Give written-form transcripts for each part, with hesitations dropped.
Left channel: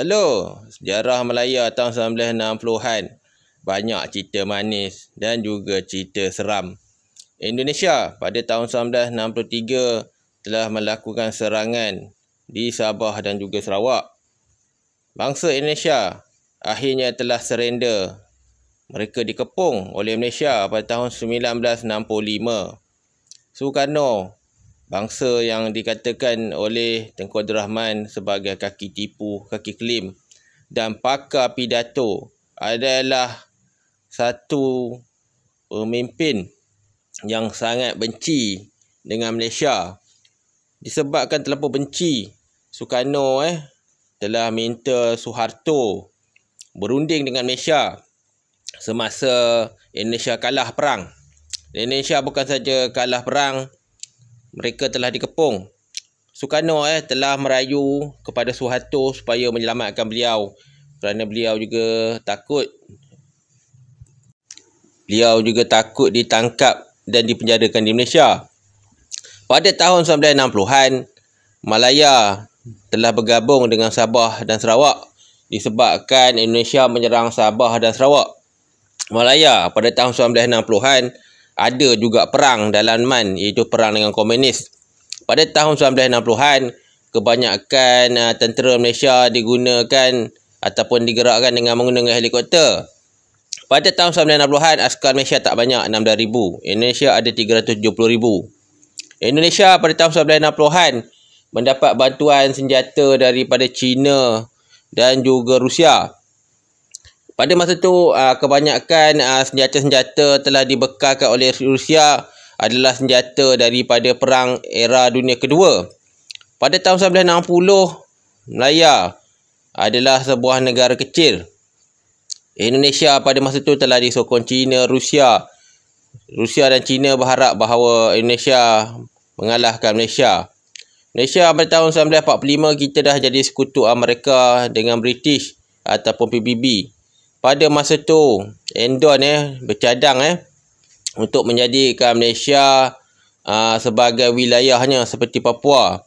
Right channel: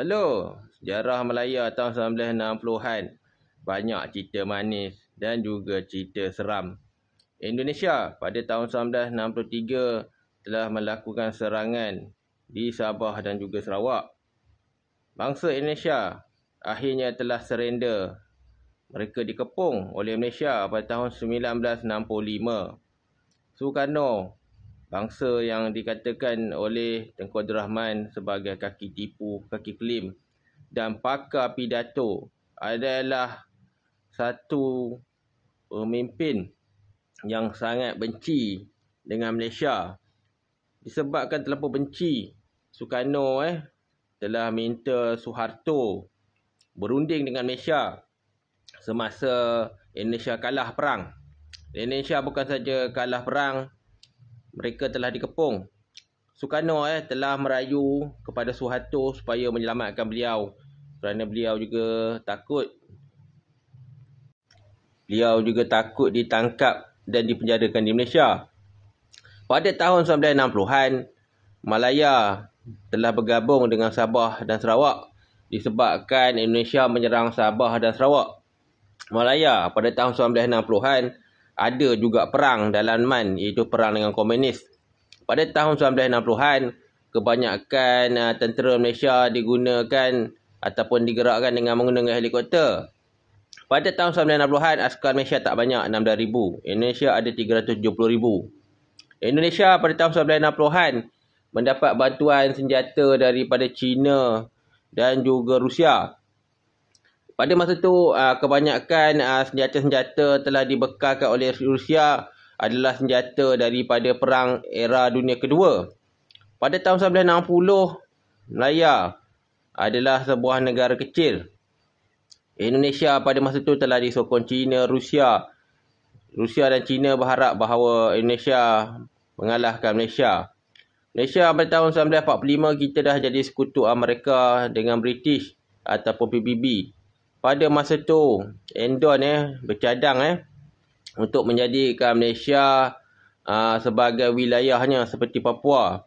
Halo, sejarah Melaya tahun 1960-an. Banyak cerita manis dan juga cerita seram. Indonesia pada tahun 1963 telah melakukan serangan di Sabah dan juga Sarawak. Bangsa Indonesia akhirnya telah surrender. Mereka dikepung oleh Malaysia pada tahun 1965. Sukarno, bangsa yang dikatakan oleh Tengku Abdul Rahman sebagai kaki tipu, kaki kelim dan pakar pidato, adalah satu pemimpin yang sangat benci dengan Malaysia. Disebabkan terlalu benci, Sukarno telah minta Suharto berunding dengan Malaysia semasa Indonesia kalah perang. Indonesia bukan saja kalah perang, mereka telah dikepung. Sukarno telah merayu kepada Suharto supaya menyelamatkan beliau kerana beliau juga takut ditangkap dan dipenjarakan di Malaysia. Pada tahun 1960-an, Malaya telah bergabung dengan Sabah dan Sarawak disebabkan Indonesia menyerang Sabah dan Sarawak. Malaya pada tahun 1960-an ada juga perang dalaman, iaitu perang dengan komunis. Pada tahun 1960-an, kebanyakan tentera Malaysia digunakan ataupun digerakkan dengan menggunakan helikopter. Pada tahun 1960-an, askar Malaysia tak banyak, 16,000. Indonesia ada 370,000. Indonesia pada tahun 1960-an mendapat bantuan senjata daripada China dan juga Rusia. Pada masa itu, kebanyakan senjata-senjata telah dibekalkan oleh Rusia adalah senjata daripada Perang Era Dunia Kedua. Pada tahun 1960, Malaya adalah sebuah negara kecil. Indonesia pada masa itu telah disokong China, Rusia. Rusia dan China berharap bahawa Indonesia mengalahkan Malaysia. Malaysia pada tahun 1945 kita dah jadi sekutu Amerika dengan British ataupun PBB. Pada masa tu, Endon bercadang untuk menjadikan Malaysia sebagai wilayahnya seperti Papua.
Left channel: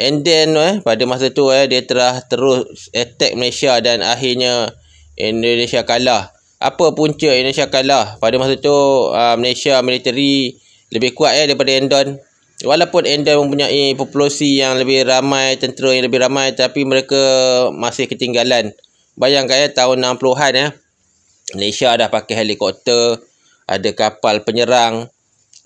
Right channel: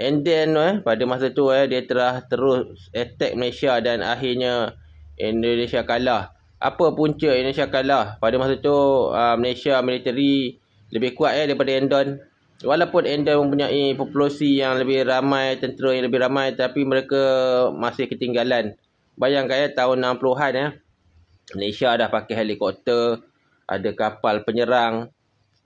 And then pada masa tu dia telah terus attack Malaysia dan akhirnya Indonesia kalah. Apa punca Indonesia kalah? Pada masa tu Malaysia militeri lebih kuat daripada Endon. Walaupun Endon mempunyai populasi yang lebih ramai, tentera yang lebih ramai, tapi mereka masih ketinggalan. Bayangkan tahun 60-an Malaysia dah pakai helikopter, ada kapal penyerang,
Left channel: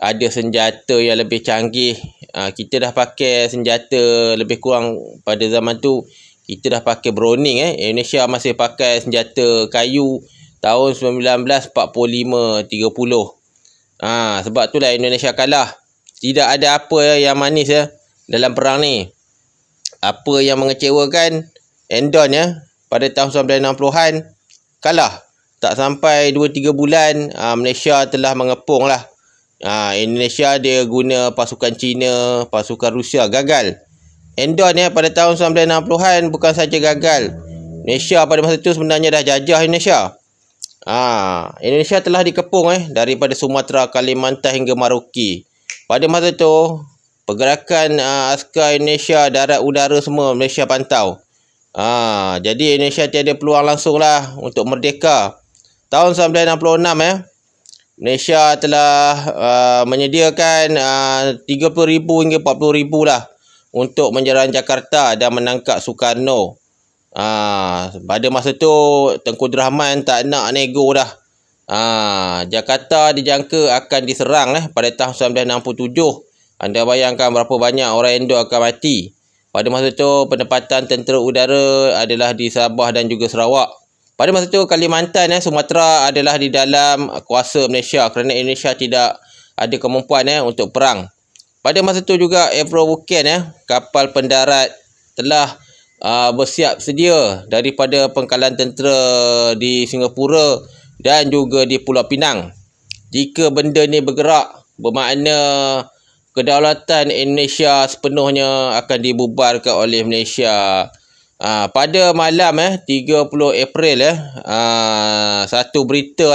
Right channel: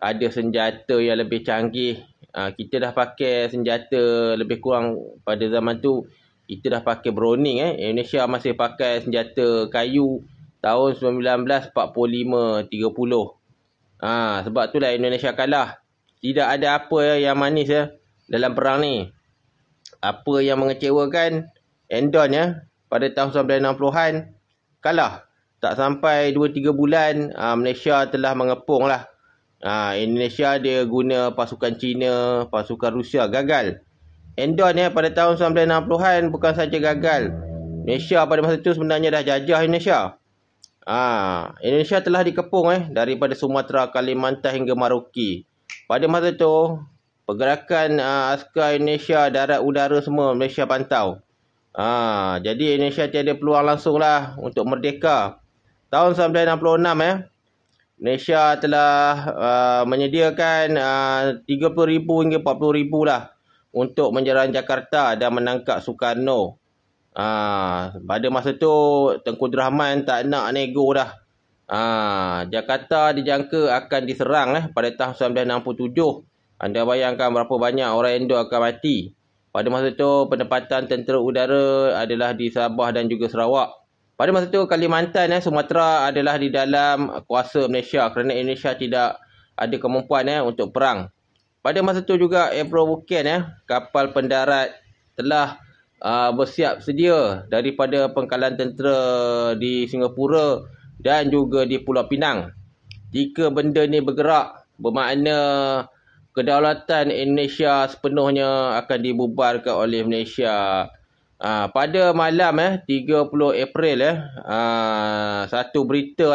ada senjata yang lebih canggih. Kita dah pakai senjata lebih kurang pada zaman tu. Kita dah pakai Browning. Indonesia masih pakai senjata kayu tahun 1945-30. Sebab itulah Indonesia kalah. Tidak ada apa yang manis dalam perang ni. Apa yang mengecewakan, Endon pada tahun 1960-an kalah. Tak sampai 2-3 bulan Malaysia telah mengepung lah. Indonesia dia guna pasukan China, pasukan Rusia, gagal. Endon pada tahun 1960-an bukan saja gagal. Malaysia pada masa itu sebenarnya dah jajah Indonesia. Indonesia telah dikepung daripada Sumatera, Kalimantan hingga Maroke. Pada masa itu pergerakan askar Indonesia darat udara semua Malaysia pantau. Jadi Indonesia tiada peluang langsung lah untuk merdeka. Tahun 1966 Malaysia telah menyediakan 30,000 hingga 40,000 lah untuk menyerang Jakarta dan menangkap Sukarno. Pada masa tu Tengku Abdul Rahman tak nak nego dah. Jakarta dijangka akan diserang pada tahun 1967. Anda bayangkan berapa banyak orang Indo akan mati. Pada masa itu, penempatan tentera udara adalah di Sabah dan juga Sarawak. Pada masa itu, Kalimantan, Sumatera adalah di dalam kuasa Malaysia kerana Indonesia tidak ada kemampuan untuk perang. Pada masa itu juga, Avro Vulcan, kapal pendarat telah bersiap sedia daripada pangkalan tentera di Singapura dan juga di Pulau Pinang. Jika benda ni bergerak, bermakna kedaulatan Indonesia sepenuhnya akan dibubarkan oleh Malaysia. Pada malam 30 April satu berita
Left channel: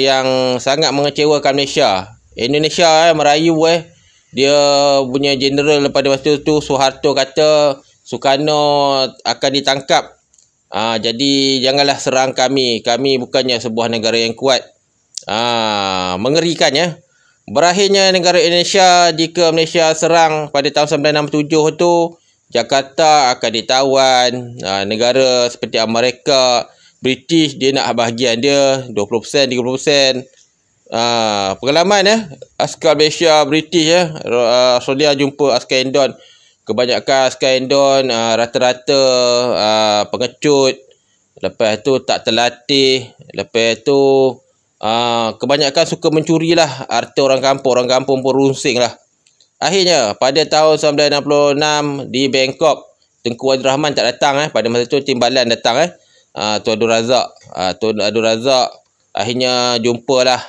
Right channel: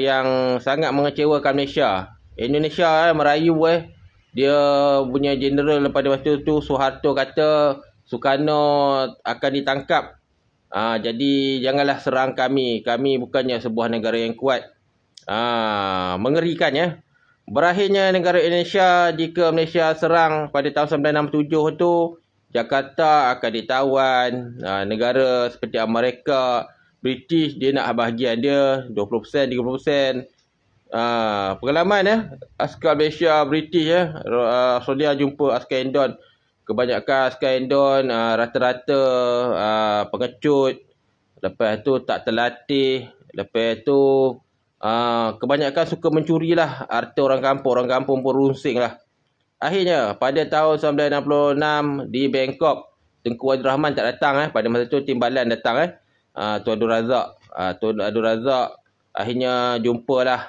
yang sangat mengecewakan Malaysia. Indonesia merayu dia punya general pada masa itu Suharto kata Sukarno akan ditangkap. Jadi janganlah serang kami. Kami bukannya sebuah negara yang kuat. Mengerikan ya. Berakhirnya negara Indonesia jika Malaysia serang pada tahun 1967 tu, Jakarta akan ditawan. Negara seperti Amerika, British, dia nak bahagian dia 20%, 30%. Pengalaman ya, askar Malaysia, British ya, Australia jumpa askar Indon. Kebanyakan askar Indon rata-rata pengecut. Lepas tu tak terlatih. Lepas tu kebanyakan suka mencuri lah harta orang kampung. Orang kampung pun runsing lah. Akhirnya pada tahun 1966 di Bangkok, Tengku Abdul Rahman tak datang pada masa tu Timbalan datang Tuan Abdul Razak. Tuan Abdul Razak akhirnya jumpalah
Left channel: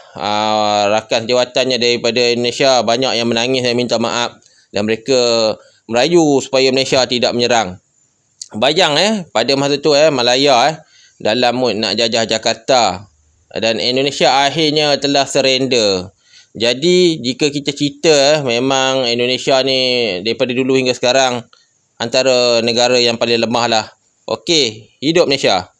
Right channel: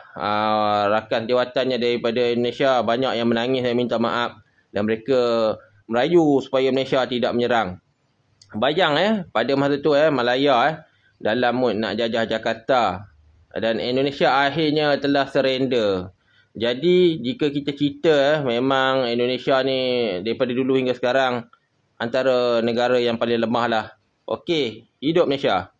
rakan jawatannya daripada Indonesia. Banyak yang menangis dan minta maaf, dan mereka merayu supaya Malaysia tidak menyerang. Bayang pada masa tu Malaya dalam mood nak jajah Jakarta, dan Indonesia akhirnya telah surrender. Jadi jika kita cerita memang Indonesia ni daripada dulu hingga sekarang antara negara yang paling lemah lah. Okey, hidup Malaysia.